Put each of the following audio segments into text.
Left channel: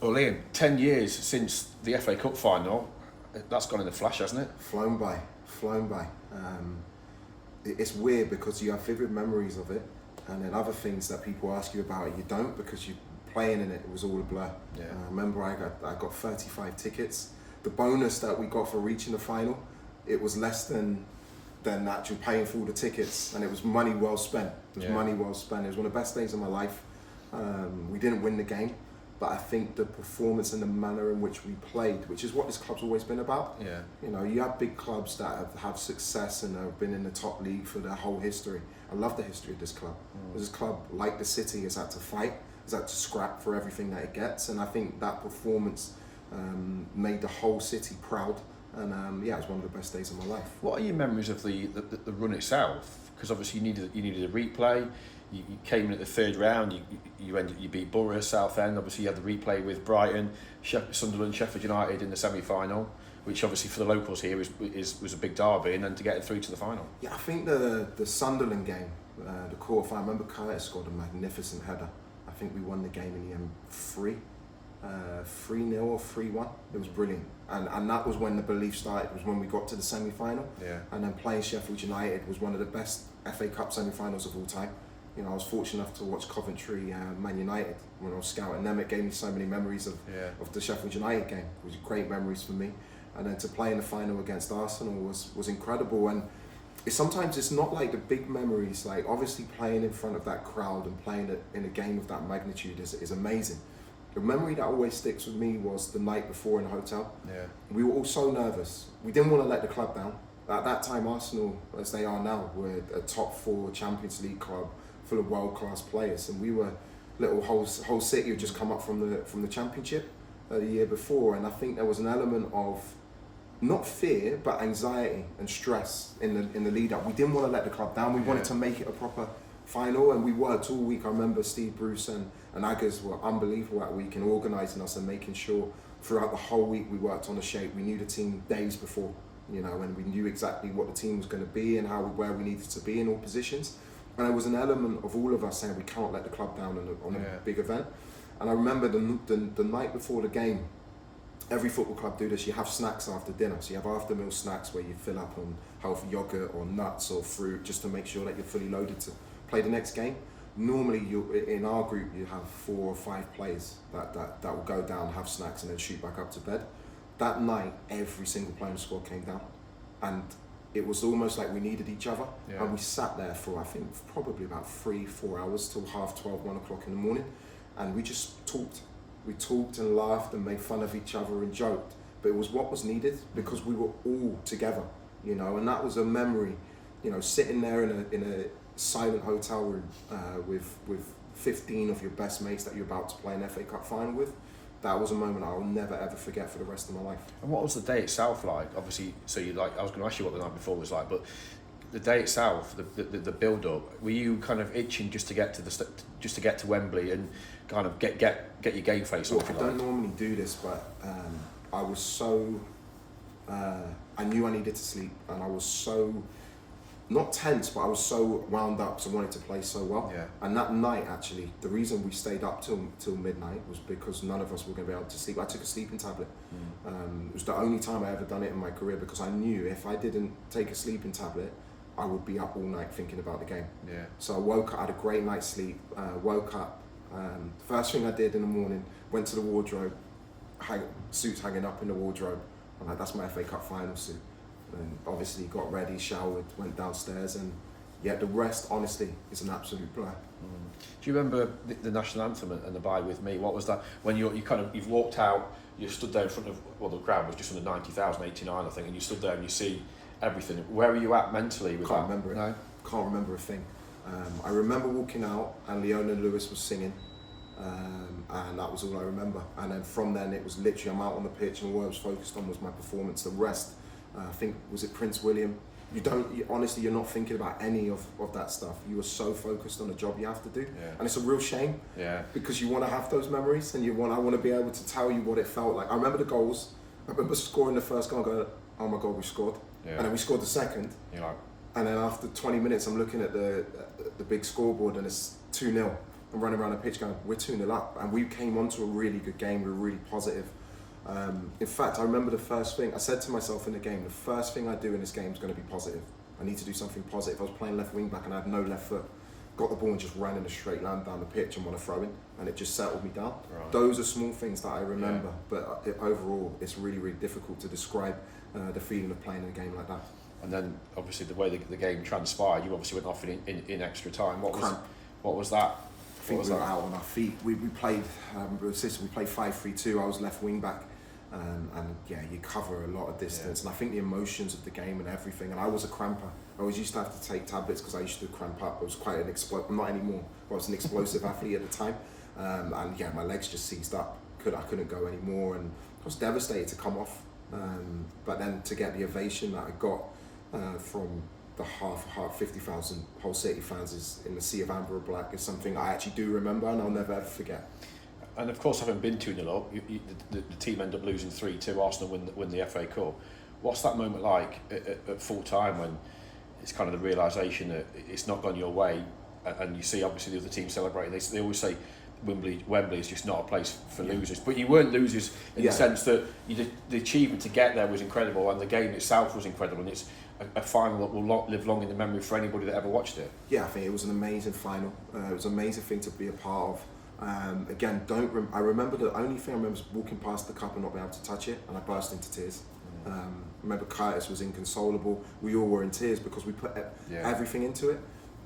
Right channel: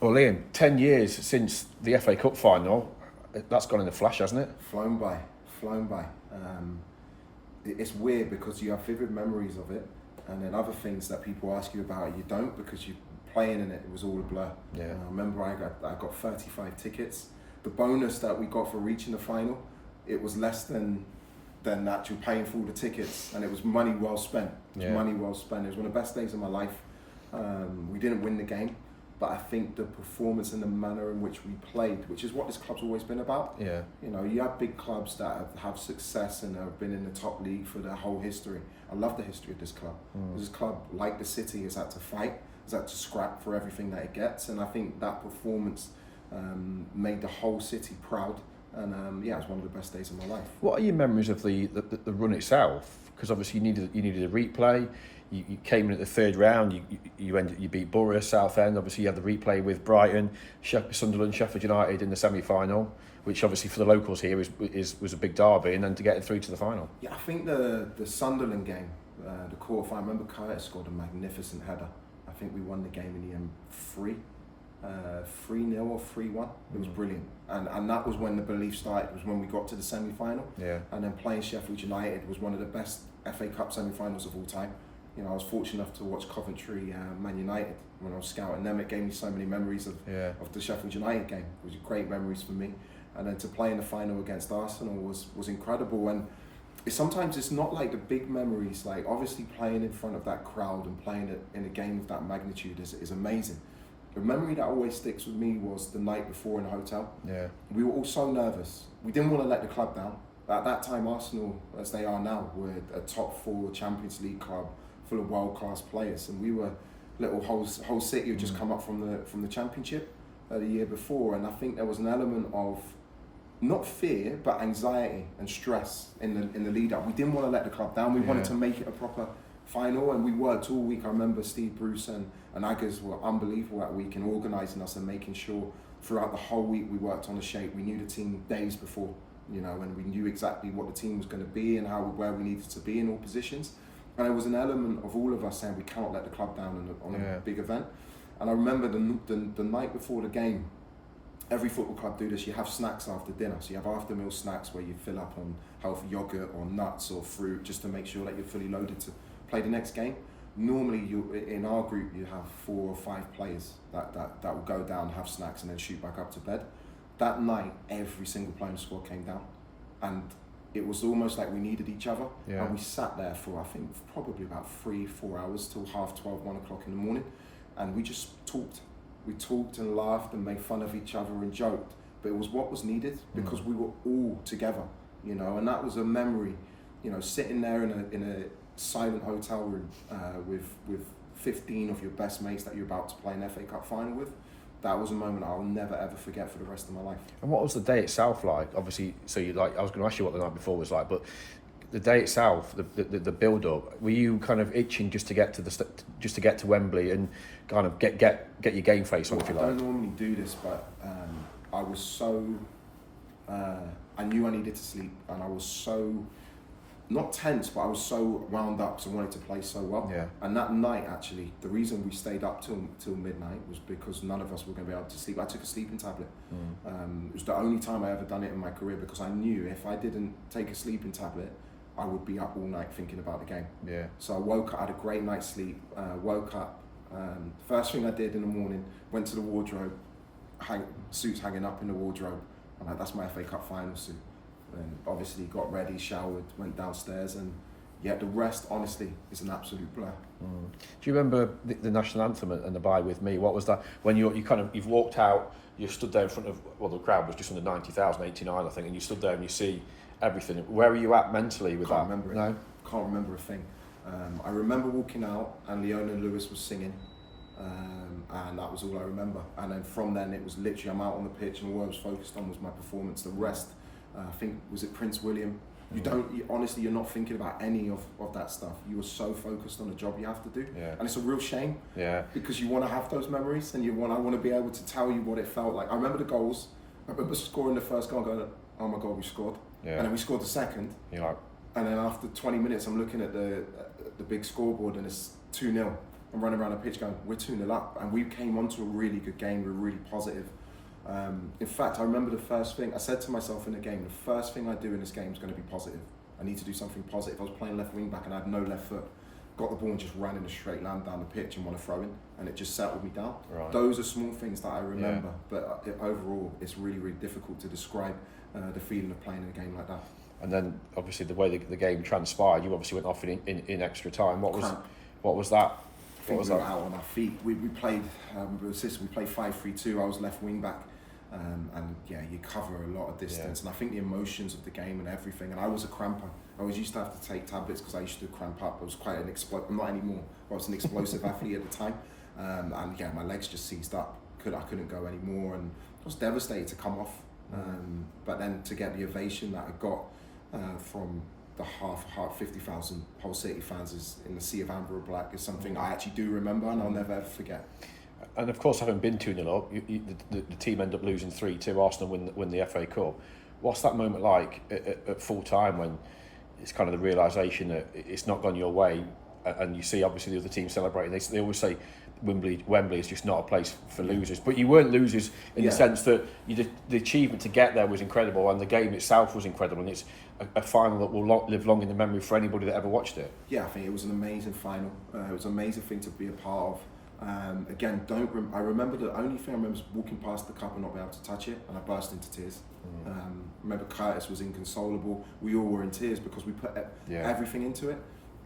Well, Liam, 10 years since the FA Cup final, that's gone in a flash, hasn't it? Flown by, flown by. It's weird because you have vivid memories of it, and then other things that people ask you about you don't, because you playing in it. It was all a blur. Yeah. I remember I got 35 tickets. The bonus that we got for reaching the final, it was less than actual paying for all the tickets, and it was money well spent. It was money well spent. It was one of the best days of my life. We didn't win the game, but I think the performance and the manner in which we played, which is what this club's always been about. Yeah. You know, you have big clubs that have success and have been in the top league for their whole history. I love the history of this club. This club, like the City, has had to fight, has had to scrap for everything that it gets, and I think that performance made the whole city proud. And yeah, it was one of the best days of my life. What are your memories of the run itself? Because obviously you needed a replay. You came in at the third round. You beat Borough, Southend. Obviously you had the replay with Brighton, Sunderland, Sheffield United in the semi-final, which obviously for the locals here was a big derby, and then to get through to the final. Yeah, I think the Sunderland game, the quarter final. I remember Curtis scored a magnificent header. I think we won the game in the end 3-0 or 3-1. It was brilliant, and that was when the belief started. It was when we got to the semi-final. Yeah. And then playing Sheffield United was one of the best FA Cup semi-finals of all time. You know, I was fortunate enough to watch Coventry, Man United when I was scouting them. It gave me so many memories of the Sheffield United game. It was great memories for me, and then to play in the final against Arsenal was incredible. And sometimes it's not like the big memories. Like obviously playing in front of that crowd and playing it in a game of that magnitude is amazing. The memory that always sticks with me was the night before in the hotel. Yeah. We were all so nervous. We didn't want to let the club down. At that time, Arsenal, as they are now, were a top 4 Champions League club full of world-class players, and we were little whole city had just come up from the Championship the year before, and I think there was an element of not fear but anxiety and stress in the lead up. We didn't want to let the club down. We wanted to make it a proper final, and we worked all week. I remember Steve Bruce and Aggers were unbelievable that week in organising us and making sure throughout the whole week we worked on the shape. We knew the team days before, you know, and we knew exactly what the team was going to be and where we needed to be in all positions. And there was an element of all of us saying we cannot let the club down on a big event. And I remember the night before the game, every football club do this. You have snacks after dinner. So you have after meal snacks where you fill up on healthy yogurt or nuts or fruit just to make sure that you're fully loaded to play the next game. Normally, in our group, you have 4 or 5 players that will go down, have snacks, and then shoot back up to bed. That night, every single player in the squad came down, and it was almost like we needed each other. Yeah. And we sat there for, I think, probably about 3-4 hours till 12:30, 1 o'clock in the morning, and we just talked. We talked and laughed and made fun of each other and joked, but it was what was needed because we were all together, you know. And that was a memory, you know, sitting there in a silent hotel room with 15 of your best mates that you're about to play an FA Cup final with. That was a moment I'll never ever forget for the rest of my life. And what was the day itself like? Obviously, so I was going to ask you what the night before was like, but the day itself, the build up, were you kind of itching just to get to Wembley and kind of get your game face Well, off? I don't normally do this, but I was so I knew I needed to sleep, and I was so not tense, but I was so wound up because I wanted to play so well. Yeah. And that night, actually, the reason we stayed up till midnight was because none of us were going to be able to sleep. I took a sleeping tablet. It was the only time I ever done it in my career because I knew if I didn't take a sleeping tablet, I would be up all night thinking about the game. Yeah. So I woke up, I had a great night's sleep, woke up. First thing I did in the morning, went to the wardrobe, suits hanging up in the wardrobe. I'm like, that's my FA Cup final suit. And obviously got ready, showered, went downstairs, and yeah, the rest, honestly, is an absolute blur. Do you remember the national anthem and the Bye With Me? What was that? When you've walked out, you stood there in front of, well, the crowd was just under 90,000, 89, I think, and you stood there and you see everything. Where were you at mentally with Can't that? remember it. No? Can't remember a thing. I remember walking out and Leona Lewis was singing, and that was all I remember. And then from then, it was literally I'm out on the pitch, and all I was focused on was my performance. The rest, I think, was it Prince William? Honestly, you're not thinking about any of that stuff. You are so focused on the job you have to do, and it's a real shame. Yeah. Because you want to have those memories, and I want to be able to tell you what it felt like. I remember the goals. I remember scoring the first goal, and going, oh my God, we scored. Yeah. And then we scored the second. Yeah. And then after 20 minutes, I'm looking at the big scoreboard, and it's 2-0. and running around the pitch going, we're 2-0 up. And we came onto a really good game. We were really positive. In fact, I remember the first thing I said to myself in the game, the first thing I do in this game is going to be positive. I need to do something positive. I was playing left wing back and I had no left foot. Got the ball and just ran in a straight line down the pitch and won a throw in, and it just settled me down. Right. Those are small things that I remember, but overall, it's really, really difficult to describe the feeling of playing in a game like that. And then, obviously, the way the game transpired, you obviously went off in extra time. What was that? I think we were out on our feet. We played we played 5-3-2. I was left wing back, and yeah, you cover a lot of distance. And I think the emotions of the game and everything. And I was a cramper. I always used to have to take tablets because I used to cramp up. I was quite an explosive. Not anymore. I was an explosive athlete at the time, and yeah, my legs just seized up. I couldn't go anymore, and I was devastated to come off. But then to get the ovation that I got from the half 50,000 Hull City fans is in the sea of amber and black is something I actually do remember and I'll never ever forget. And of course, having been 2-0 up, the team ended up losing 3-2. Arsenal win the FA Cup. What's that moment like at full time when it's kind of the realisation that it's not gone your way, and you see obviously the other team celebrating? They always say Wembley is just not a place for losers, but you weren't losers in the sense that the achievement to get there was incredible, and the game itself was incredible, and it's a final that will live long in the memory for anybody that ever watched it. Yeah, I think it was an amazing final. It was an amazing thing to be a part of. Again, I remember the only thing I remember was walking past the cup and not being able to touch it, and I burst into tears. I remember Curtis was inconsolable. We all were in tears because we put everything into it.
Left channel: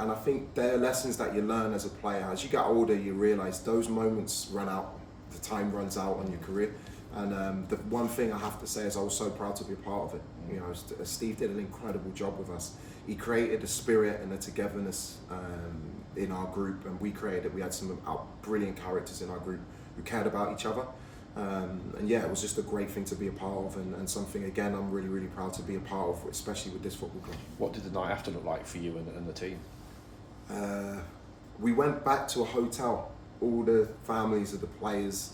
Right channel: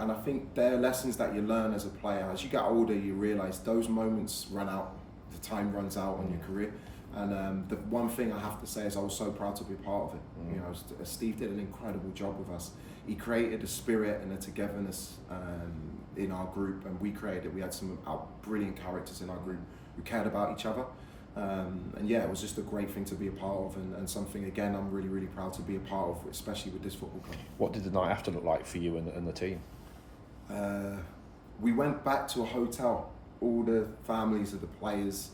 And I think there are lessons that you learn as a player. As you get older, you realise those moments run out, the time runs out on your career. And the one thing I have to say is I was so proud to be a part of it. You know, Steve did an incredible job with us. He created a spirit and a togetherness in our group, and we created it. We had some brilliant characters in our group who cared about each other. And yeah, it was just a great thing to be a part of, and something, again, I'm really, really proud to be a part of, especially with this football club. What did the night after look like for you and the team? We went back to a hotel. All the families of the players,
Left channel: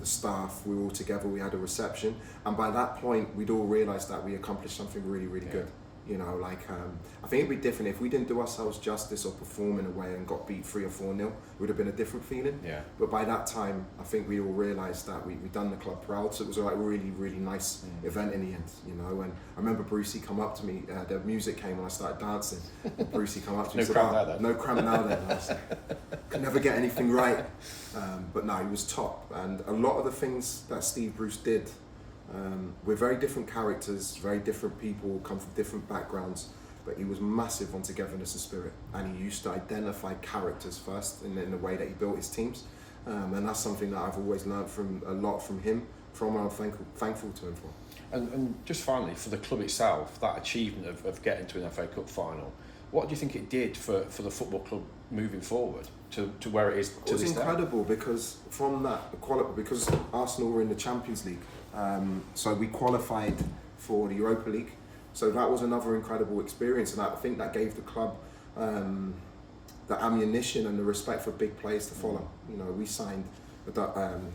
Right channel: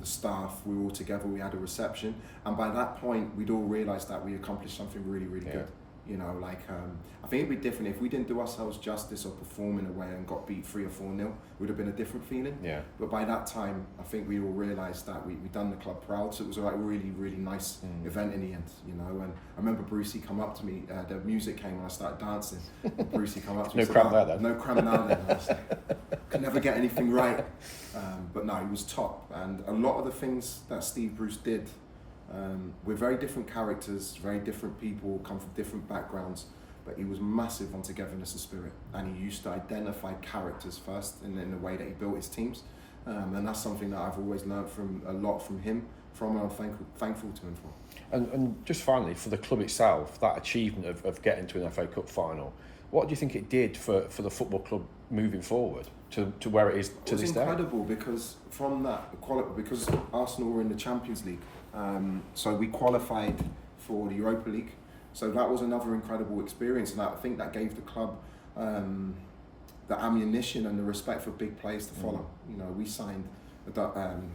the staff, we were all together. We had a reception, and by that point, we'd all realised that we accomplished something really, really good. You know, like I think it'd be different if we didn't do ourselves justice or perform in a way and got beat 3 or 4-0. It would have been a different feeling. Yeah. But by that time, I think we all realised that we'd done the club proud. So it was like a really, really nice event in the end. You know, and I remember Brucey come up to me. The music came and I started dancing. And Brucey come up to me and said, "No cramp now then." And I was like, could never get anything right. But no, he was top. And a lot of the things that Steve Bruce did. We're very different characters, very different people, come from different backgrounds, but he was massive on togetherness and spirit, and he used to identify characters first in the way that he built his teams, and that's something that I've always learned a lot from him, and I'm thankful to him for. And just finally, for the club itself, that achievement of getting to an FA Cup final, what do you think it did for the football club moving forward to where it is to this day? It was incredible because from that, because Arsenal were in the Champions League, so we qualified for the Europa League. So that was another incredible experience, and I think that gave the club the ammunition and the respect for big players to follow. You know, we signed Ben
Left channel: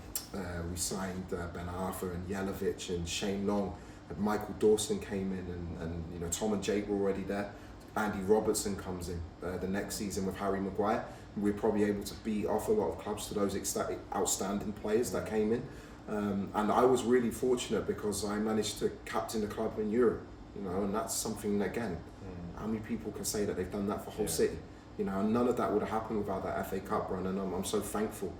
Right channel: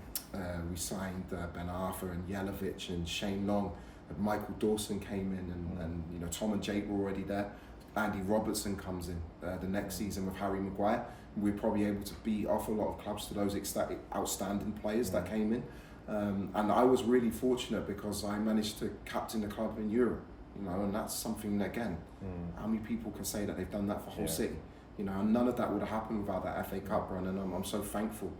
Arthur and Jelavic and Shane Long, and Michael Dawson came in, and you know, Tom and Jake were already there. Andy Robertson comes in the next season with Harry Maguire. We're probably able to beat off a lot of clubs to those outstanding players that came in. And I was really fortunate because I managed to captain the club in Europe, you know, and that's something that, again, how many people can say that they've done that for Hull City? You know, and none of that would have happened without that FA Cup run, and I'm so thankful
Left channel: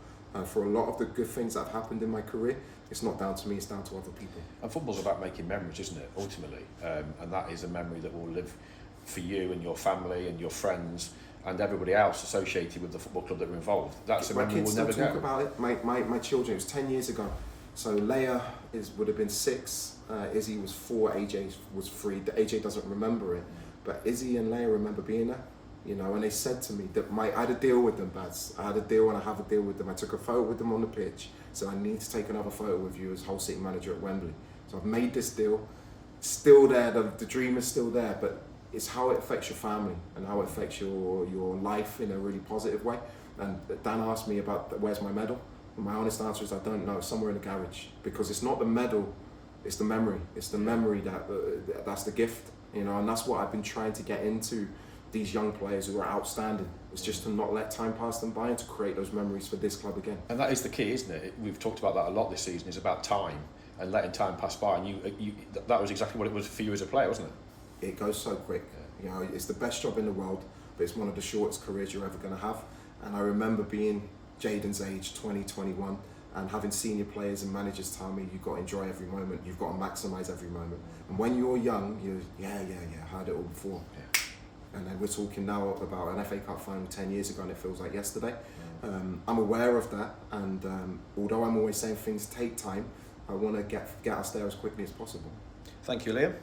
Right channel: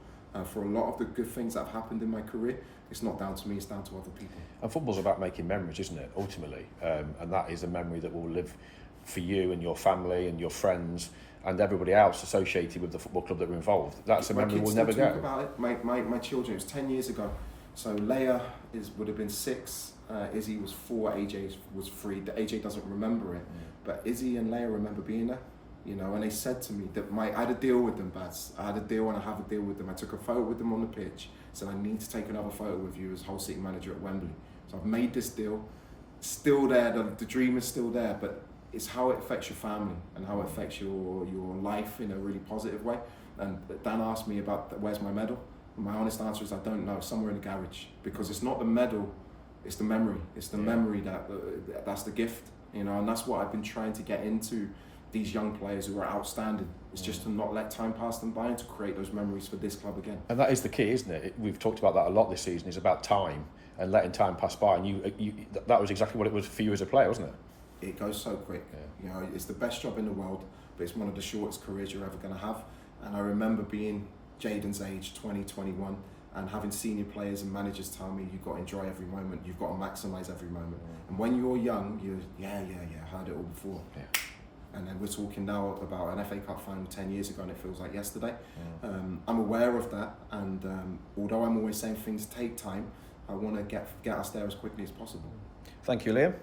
for a lot of the good things that have happened in my career. It's not down to me, it's down to other people. And football's about making memories, isn't it, ultimately? And that is a memory that will live for you and your family and your friends and everybody else associated with the football club that were involved. That's a memory we'll never get. My kids still talk about it. My children, it was 10 years ago. So Leia would have been 6, Izzy was 4, AJ was 3. AJ doesn't remember it, but Izzy and Leia remember being there. You know, and they said to me that I had a deal with them, Bads. I had a deal and I have a deal with them. I took a photo with them on the pitch, so I need to take another photo with you as Hull City manager at Wembley. So I've made this deal. Still there, the dream is still there, but it's how it affects your family and how it affects your life in a really positive way. And Dan asked me about where's my medal. And my honest answer is I don't know, somewhere in the garage, because it's not the medal, it's the memory. It's the memory that's the gift, you know, and that's what I've been trying to get into these young players who are outstanding. It's just to not let time pass them by and to create those memories for this club again. And that is the key, isn't it? We've talked about that a lot this season. It's about time and letting time pass by. And that was exactly what it was for you as a player, wasn't it? It goes so quick. You know, it's the best job in the world, but it's one of the shortest careers you're ever going to have. And I remember being Jaden's age, 20, 21, and having senior players and managers tell me you've got to enjoy every moment, you've got to maximise every moment. And when you're young, you're, heard it all before. Yeah. And then we're talking now about an FA Cup final 10 years ago and it feels like yesterday. I'm aware of that, and although I'm always saying things take time, I want to get us there as quickly as possible. Thank you, Liam.